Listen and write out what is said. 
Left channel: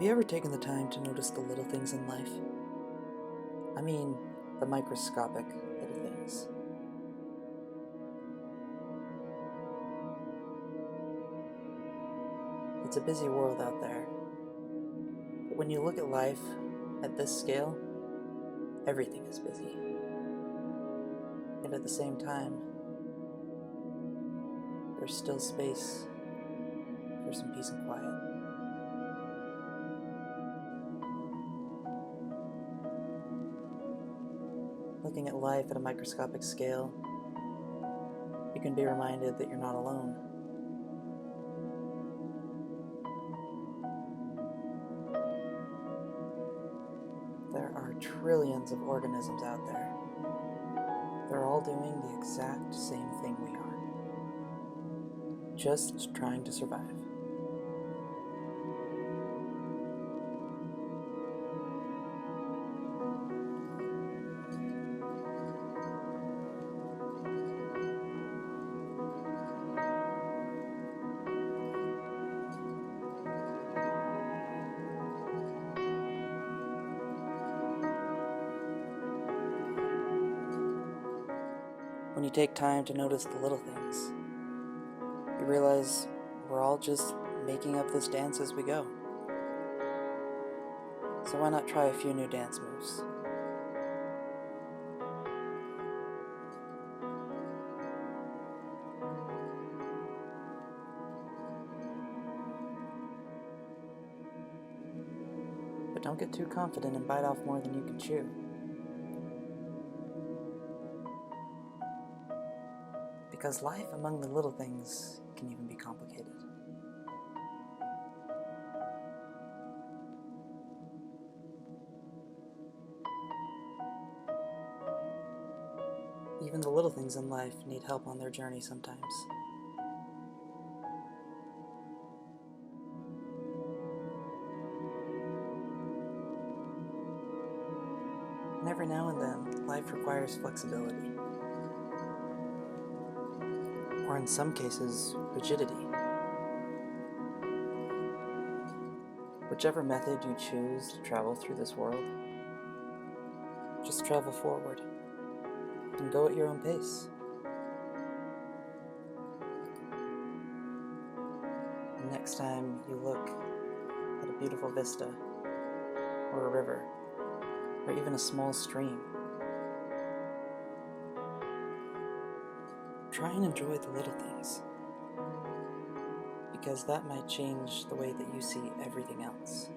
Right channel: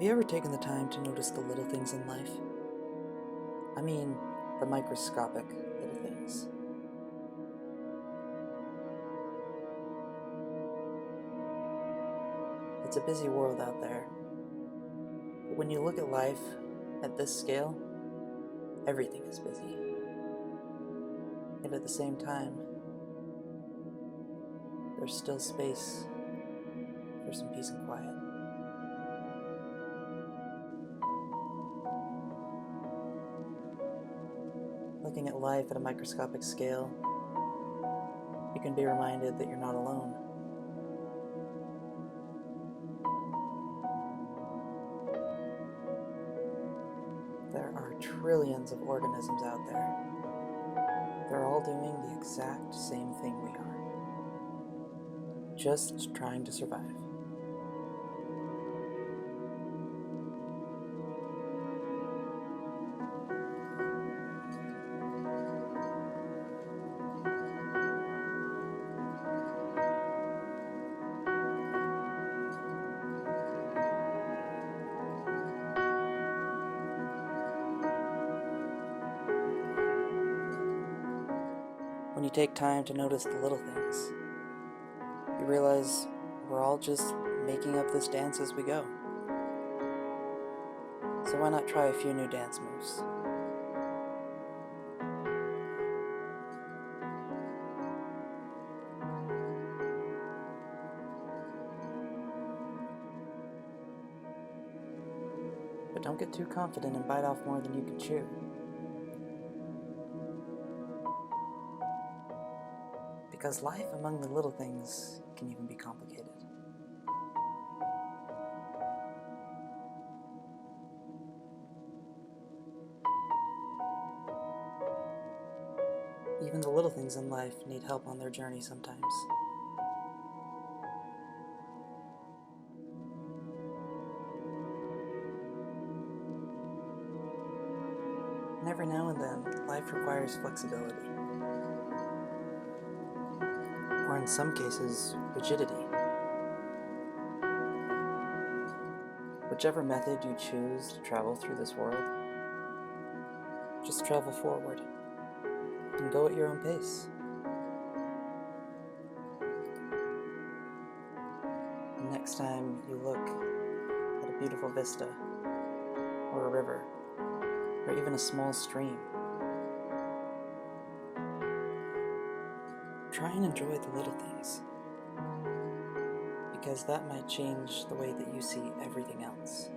Have you ever taken the time to notice the little things in life? I mean, the microscopic little things. It's a busy world out there, but when you look at life at this scale, everything is busy. Yet at the same time, there's still space for some peace and quiet. Looking at life at a microscopic scale, you can be reminded that you're not alone. There are trillions of organisms out there. They're all doing the exact same thing we are. Just trying to survive. When you take time to notice the little things, you realize we're all just making up this dance as we go. So why not try a few new dance moves? But don't get too confident and bite off more than you can chew. Because life among the little things can even be complicated. Even the little things in life need help on their journey sometimes. And every now and then, life requires flexibility. Or in some cases, rigidity. Whichever method you choose to travel through this world, just travel forward and go at your own pace. And next time you look at a beautiful vista, or a river, or even a small stream, try and enjoy the little things, because that might change the way that you see everything else.